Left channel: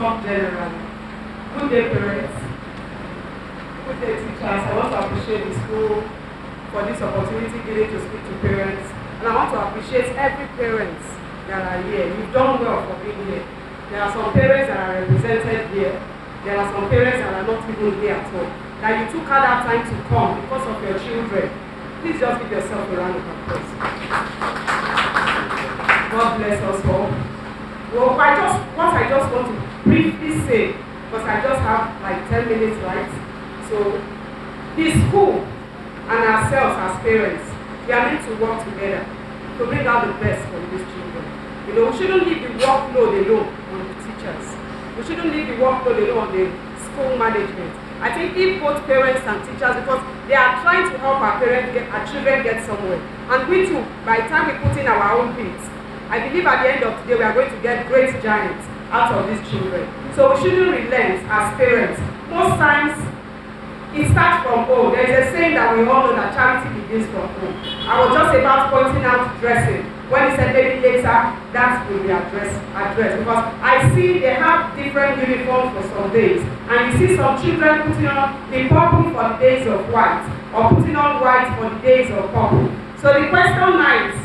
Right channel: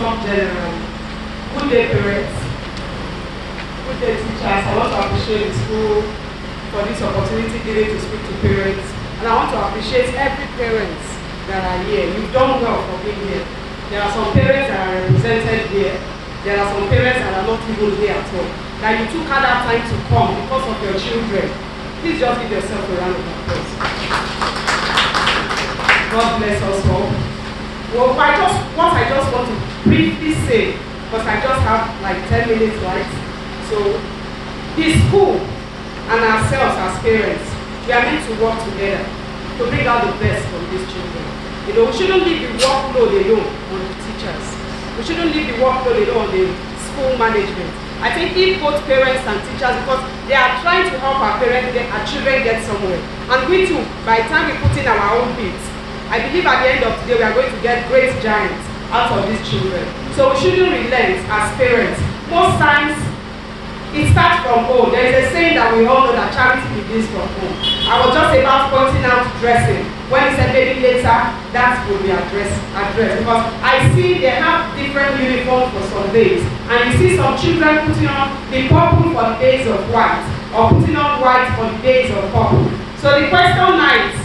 talk generally. Good day, parents. Good day, teachers. I want to appreciate the school for this opportunity given to speak to parents. And I want to appreciate every parent that are here. You've done well for being here. There are some parents that are represented here. There are some parents that are not even here at all. That you took out that time to come because of your children. Please just give yourself a round of applause. God bless us all. Well, what I just want to briefly say, because I just have like 10 minutes, right? So, the school and ourselves as parents, we are meant to work together to bring out the best from these children. You know, we shouldn't leave the workload alone on the teachers. We shouldn't leave the workload alone on the school management. I think if both parents and teachers, because they are trying to help our children get somewhere. And we too, by the time we put in our own bits, I believe at the end of the day we are going to get great giants out of these children. So we shouldn't relent as parents. Most times, it starts from home. There is a saying that we all know that charity begins from home. I was just about pointing out dressing. When he said maybe later, that will be addressed. Because I see they have different uniforms for some days. And you see some children putting on the purple for the days of white. Or putting on white for the days of purple. So the question now is,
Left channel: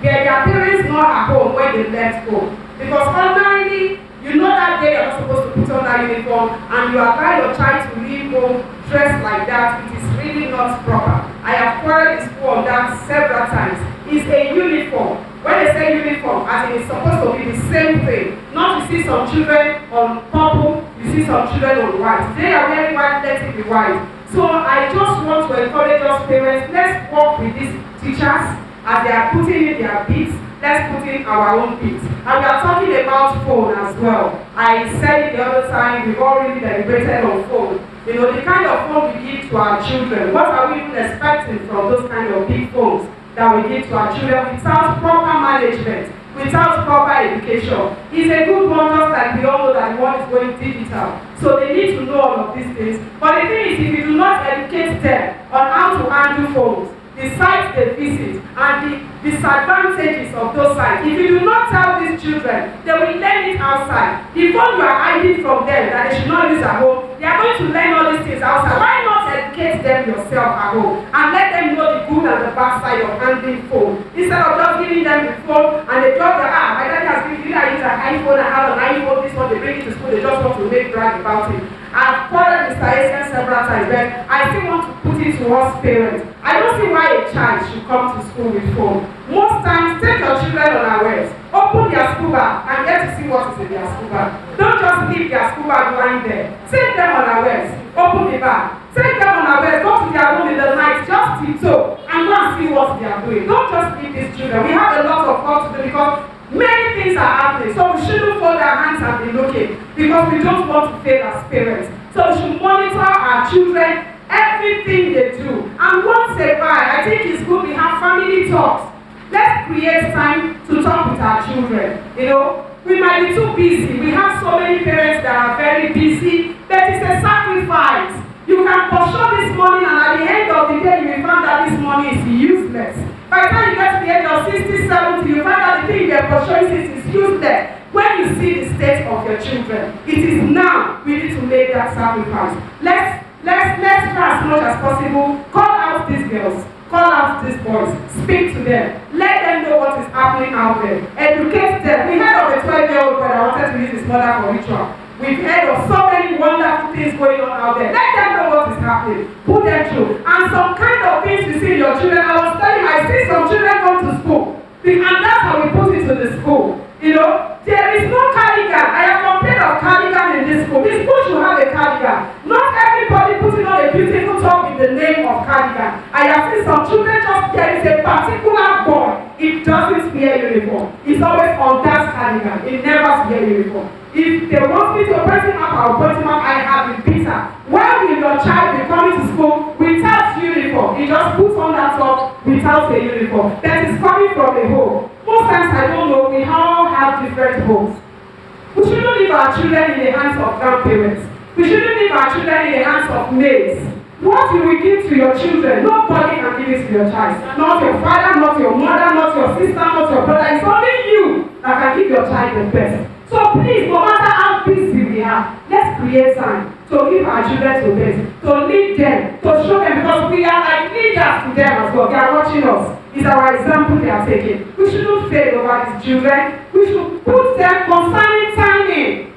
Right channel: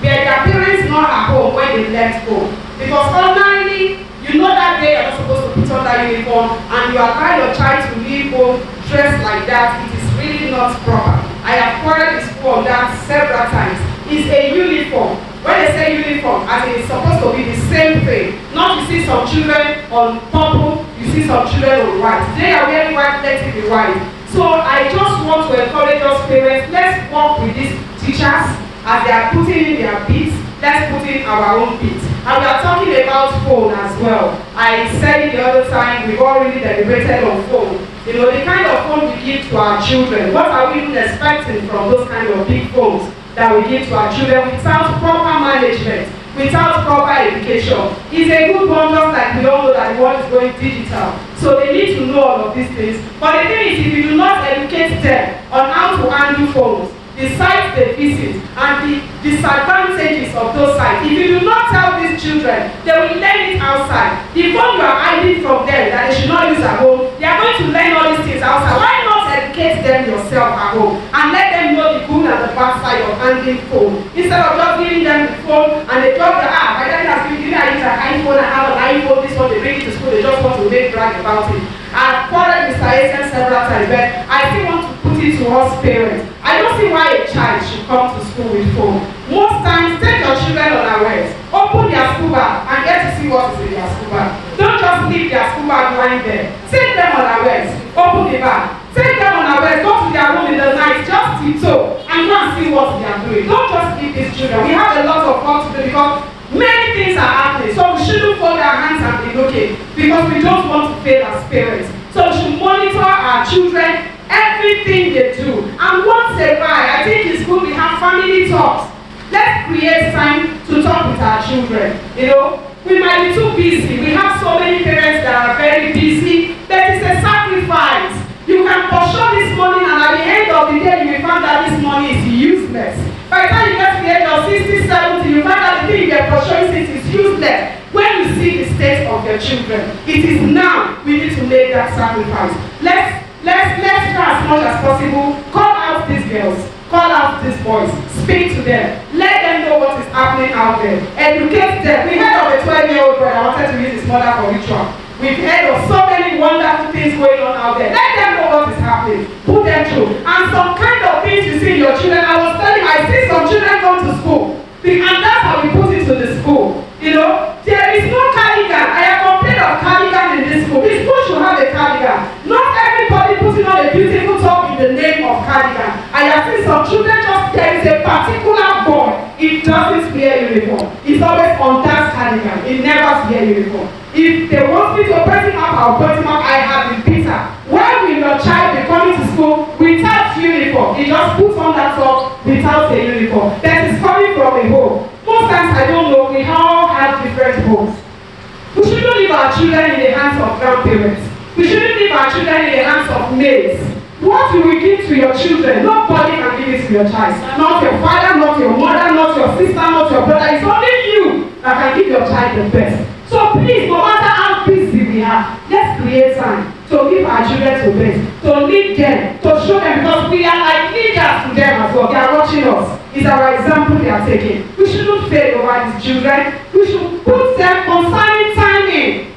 were their parents not at home when they left home? Because ordinarily, you know that day you're not supposed to put on that uniform and you allow your child to leave home dressed like that. It is really not proper. I have quarreled in school on that several times. It's a uniform. When they say uniform, as in it's supposed to be the same thing. Not you see some children on purple, you see some children on white. They are wearing white, let it be white. So I just want to encourage us parents, let's work with these teachers as they are putting in their bits. Let's put in our own bits. And we are talking about phone as well. I said it the other time, we've already deliberated on phone. You know, the kind of phone we give to our children, what are we even expecting from those kind of big phones that we give to our children without proper management, without proper education? It's a good one, just like we all know that the world is going digital. So they need to know all of these things. But the thing is, if you do not educate them on how to handle phones, the sites they visit, and the disadvantages of those sites. If you do not tell these children, they will learn it outside. The phone you are hiding from them that they should not use at home, they are going to learn all these things outside. Why not educate them yourself at home and let them know the good and the bad side of handling phone? Instead of just giving them the phone and they drop their my daddy has given me, I use an iPhone, I have an iPhone, this one, they bring it to school, they just want to make brag about it. I've quarreled Mr. Asian several times, but I still want to put it to us parents. I don't see why a child should come to school with phone. Most times, take your children unawares. Open their school bag and get to see what is in their school bag. Don't just leave their school bag lying there. Take them unawares. Open the bag. Take them unawares. Go to their room in the night. Just tiptoe and go and see what they are doing. Don't just leave these children. We have a lot of work to do because many things are happening. So we shouldn't fold our hands and be looking because we don't want to fail as parents. So we should monitor our children, everything they do. And once a while, I think it's good we have family talks. Let's create time to talk with our children. You know, we might be too busy. We have so many parents that are very busy, but it's a sacrifice. You can pursue this money and at the end of the day, you will find that this money is useless. By the time you get to the age of 60, 70, you find that the thing you're pursuing is useless. When you see the state of your children, it is now we need to make that sacrifice. Let's try as much as possible. Call out these girls, call out these boys, speak to them, let them know what is happening out there, educate them. We heard of a 12-year-old boy that wanted to use his mother for ritual. We've heard of so many wonderful things going on out there. Let them know what is happening. Put them through. And some kind of things you see in your children. I was telling you, I see some children come to school. And that's how we put it to the school. You know, there is no cardigan. I have complained of cardigan in this school. This school should have a cardigan. Not everybody putting on a beautiful top in the name of cardigan. I have seen some children just, there is a particular boy, it doesn't wear uniform. It's always on that cardigan. It never wears uniform. If they want me to put him up, I'll put him up. I have been bitter. When will your child be coming to school without uniform? He just puts on that top without a uniform. That is coming from a home. Most times, I don't know, we all have different homes. We shouldn't leave our children in the hands of grandparents. We shouldn't leave our children in the hands of maids. What you will give to your children, nobody can give it to your child. Not your father, not your mother, not your sister, not your brother. It's only you that can give your child the best. So please, no matter how busy we let's create time to give our children to bed, to lead them, to show them, because we are like leaders to them as well. They are watching us. It's our example they are taking. We shouldn't fail over these children. We should put them concerning timing.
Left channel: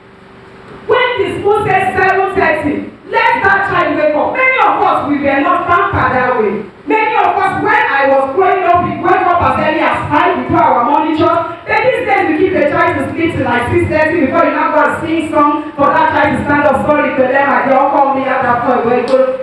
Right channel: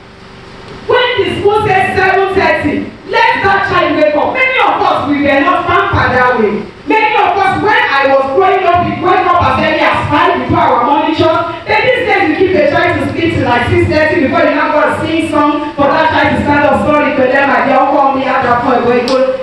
When the school says 7:30, let that child wake up. Many of us, we were not pampered that way. Many of us, when I was growing up, we wake up as early as 5, we do our morning chores. Then these days, we keep the child to sleep till like 6:30 before you now go and sing song for that child to stand up. Sorry to them, they all call me at that point.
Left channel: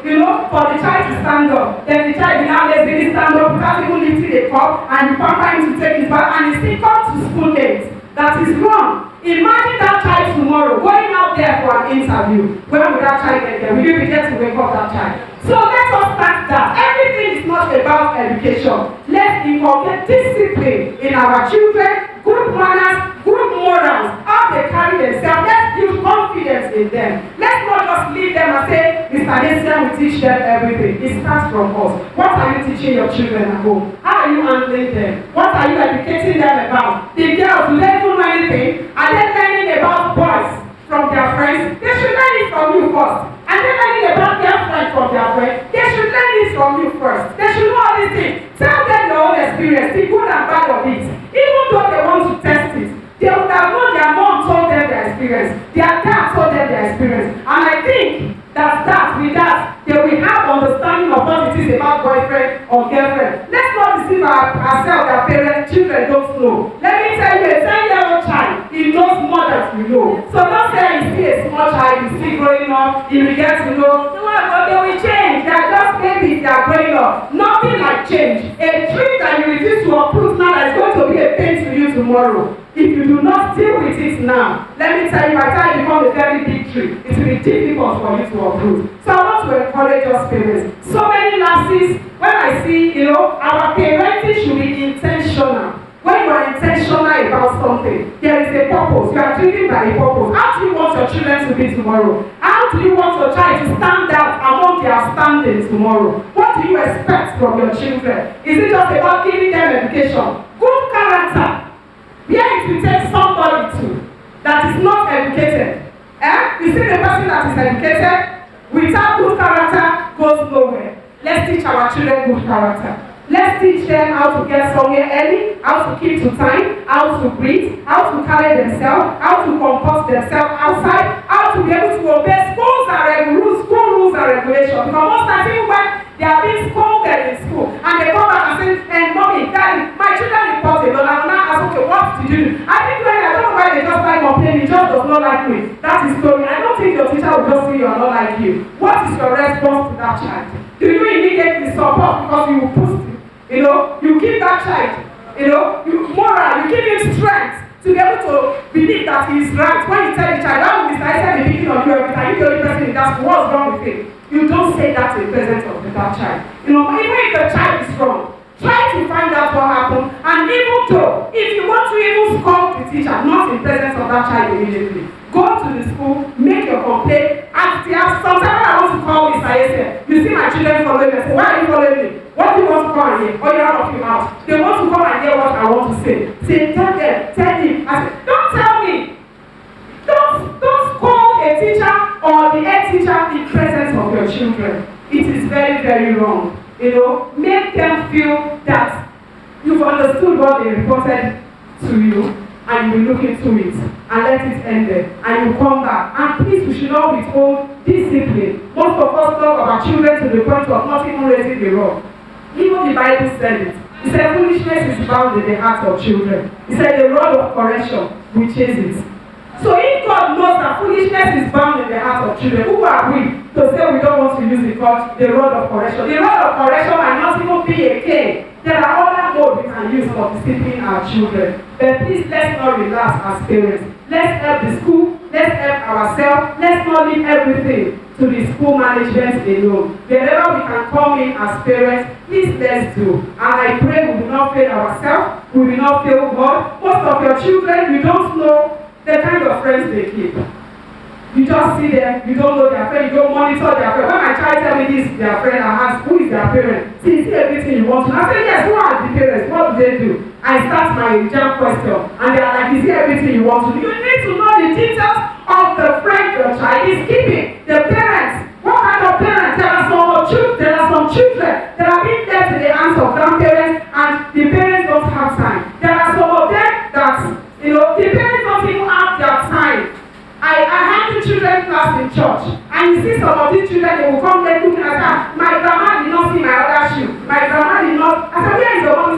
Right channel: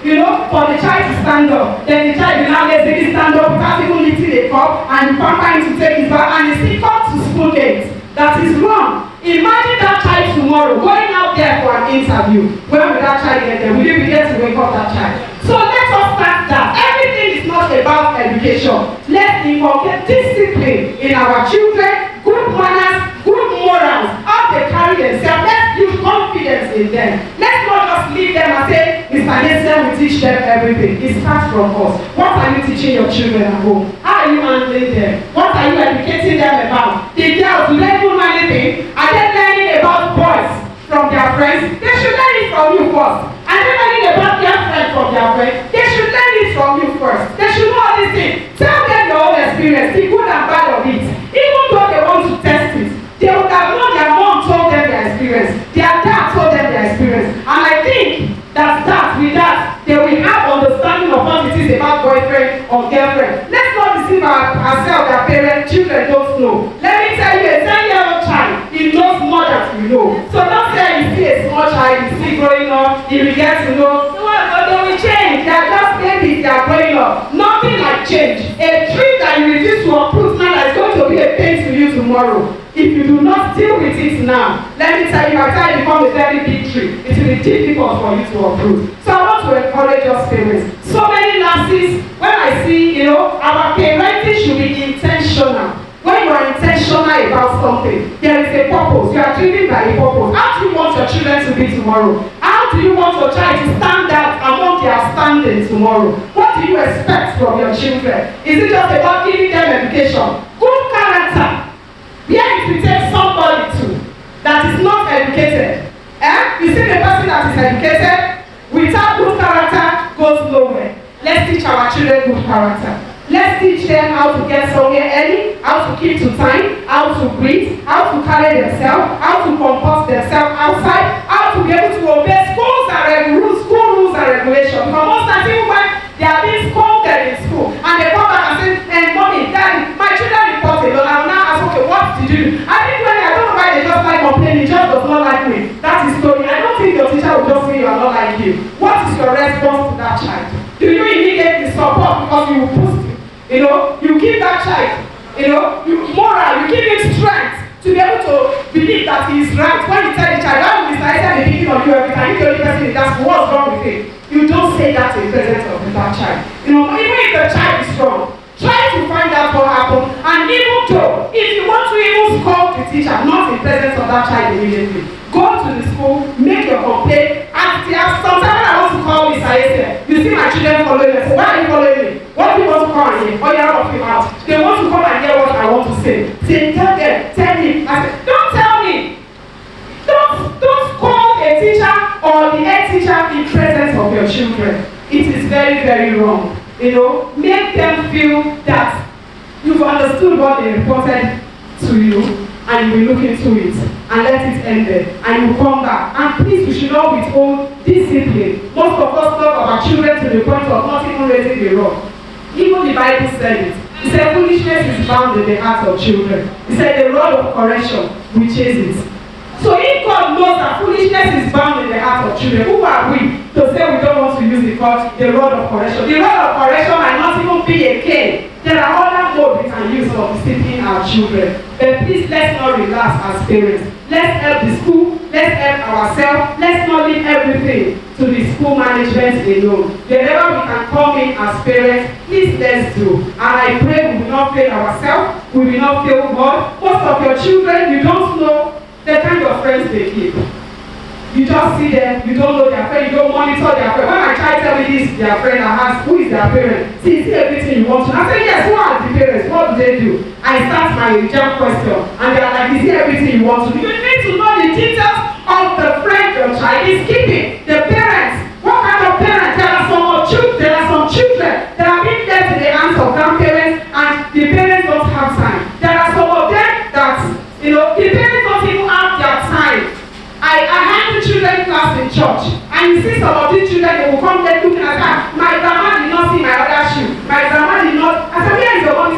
You know, for the child to stand up. Then the child will now lazily stand up without even lifting a cup, and you pamper him to take his bath, and he still comes to school late. That is wrong. Imagine that child tomorrow going out there for an interview. When will that child get there? Will you begin to wake up that child? So let us start that. Everything is not about education. Let's inculcate discipline in our children, good manners, good morals, how they carry themselves. Let's build confidence in them. Let's not just leave them and say, Mr. Nessia will teach them everything. It starts from us. What are you teaching your children at home? How are you handling them? What are you educating them about? The girls, do they know anything? Are they learning about boys from their friends? They should learn it from you first. Are they learning about their friends from their friends? They should learn it from you first. They should know all these things. Tell them your own experience, the good and bad of it. Even though they want to test it, they would have known their mom told them their experience. Their dad told them their experience. And I think that with that, they will have understanding of what it is about boyfriend or girlfriend. Let's not deceive ourselves that parents, children don't know. Let me tell you, a 10-year-old child, he knows more than you know. So don't say you see a small child, you see growing up, you will get to know. But they will change. They are just babies, they are growing up. Nothing like change. A tree that you refuse to uproot now is going to be a pain to you tomorrow. If you do not deal with it now, let me tell you, by the time it becomes a very big tree, it will be difficult for you to uproot. So I want to encourage us parents. So many lapses, when I see, our parenting should be intentional. When you are intentional about something, there is a purpose. You are driven by a purpose. How do you want your children to be tomorrow? How do you want your child to stand out among their standing tomorrow? What do you expect from your children? Is it just about giving them education? Good character. Where if you take somebody to that is not educated, you see the person that is educated without good character goes nowhere. Let's teach our children good character. Let's teach them how to get somewhere early, how to keep to time, how to breathe, how to carry themselves, how to comport themselves outside, how to be able to obey school rules and regulations. Because most times even when they are being scolded in school and they come back and say, hey, mommy, daddy, my children report a lot. I will now ask, okay, what did you do? I don't know why they just like complaining, just does not like me. That is story. I don't think your teacher will just say you are not like you. What is your response to that child? Do you immediately support because you will boost him? You give that child, moral, you give him strength to be able to believe that he is right. When you tell the child, why will Mr. Isaac be picking on you every time? You're the only person in that school. What's wrong with him? You don't say that in presence of that child. Even if the child is wrong, try to find out what happened. And even though, if you want to even scold the teacher, not in presence of that child immediately, go to the school, make your complaint, ask the sometimes I want to call Mr. Isaac. You see my children following me. I say, why are you following me? What do you want to come and hear? Oh, you're off him out. They want to come and hear what I want to say. Say, tell him. I say, don't tell me. Don't call a teacher or the head teacher in presence of your children. It is very, very wrong. Make them feel that you've understood what they reported to you and you will look into it and let it end there. And you come back. And please, we should not withhold discipline. Most of us talk about children to the point of not even raising the rod. Even the Bible said it. It said foolishness is bound in the hearts of children. It said the rod of correction will chase it. So if God knows that foolishness is bound in the hearts of children, who are we to say we don't want to use the rod of correction? The rod of correction might not even be a cane. There are other modes we can use for disciplining our children. But please, let's not relax as parents. Let's help the school. Let's help ourselves. Let's not leave everything to the school management alone. Whenever we can come in as parents, please let's do. And I pray we will not fail ourselves. We will not fail God. Most of your children, you don't know the kind of friends they keep. You just see them, you don't know their friend, you don't monitor their friend. When my child tell me this, their friend, I ask, who is their parent? See, is everything you want to know? I say, yes, who are the parents? What do they do? I start my jam question, and they are like, is it everything you want to know? You need to know the details of the friend your children class in church, and you see some of these children, they will come there looking at her. My grandma did not see my other shoe. My grandma did not. I said, where is your mommy?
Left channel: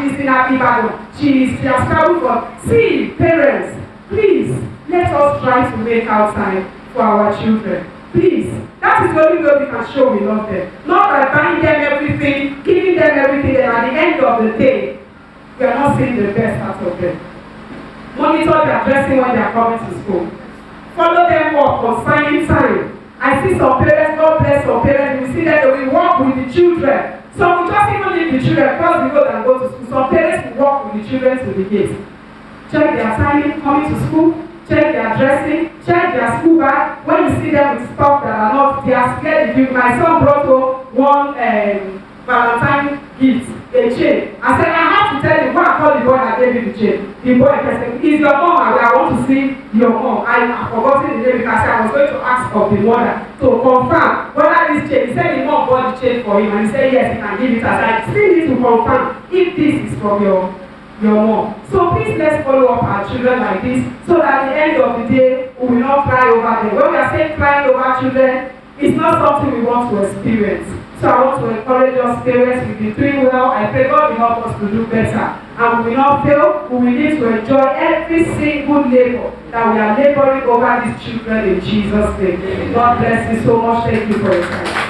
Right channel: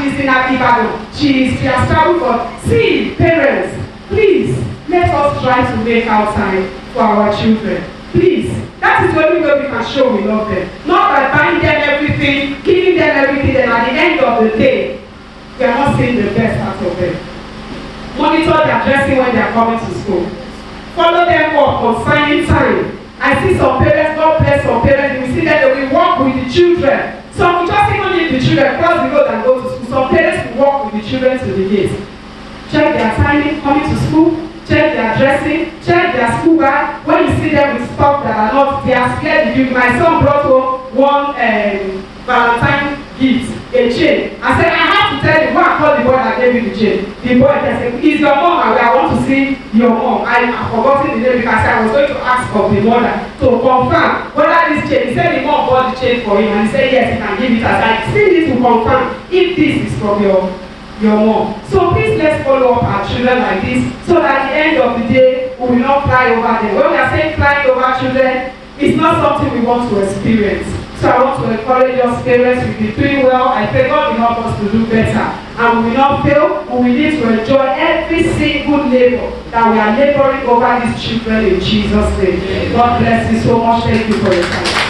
She's in Ibadan. She has traveled for. See, parents, please, let us try to make out time for our children. Please. That is the only way we can show we love them. Not by buying them everything, giving them everything, and at the end of the day, we are not seeing the best out of them. Monitor their dressing when they are coming to school. Follow them up on signing time. I see some parents, God bless some parents, we see that they will walk with the children. Some will just even leave the children, cross the road and go to school. Some parents will walk with the children to the gate. Check their timing, coming to school, check their dressing, check their school bag. When you see them with stuff that are not, they are scared. My son brought home one Valentine gift, a chain. I said, I have to tell you, go and call the boy that gave you the chain. The boy said, is your mom? I want to see your mom. I have forgotten the name because I was going to ask of the mother to confirm whether this chain, he said the mom bought the chain for him, and he said, yes, he can give it as I still need to confirm if this is from your mom. So please, let's follow up our children like this, so that at the end of the day, we will not cry over them. When we are saying crying over children, it's not something we want to experience. So I want to encourage us parents, we've been doing well. I pray God will help us to do better. And we will not fail. We will need to enjoy every single labor that we are laboring over these children in Jesus' name. God bless you so much. Thank you for your time.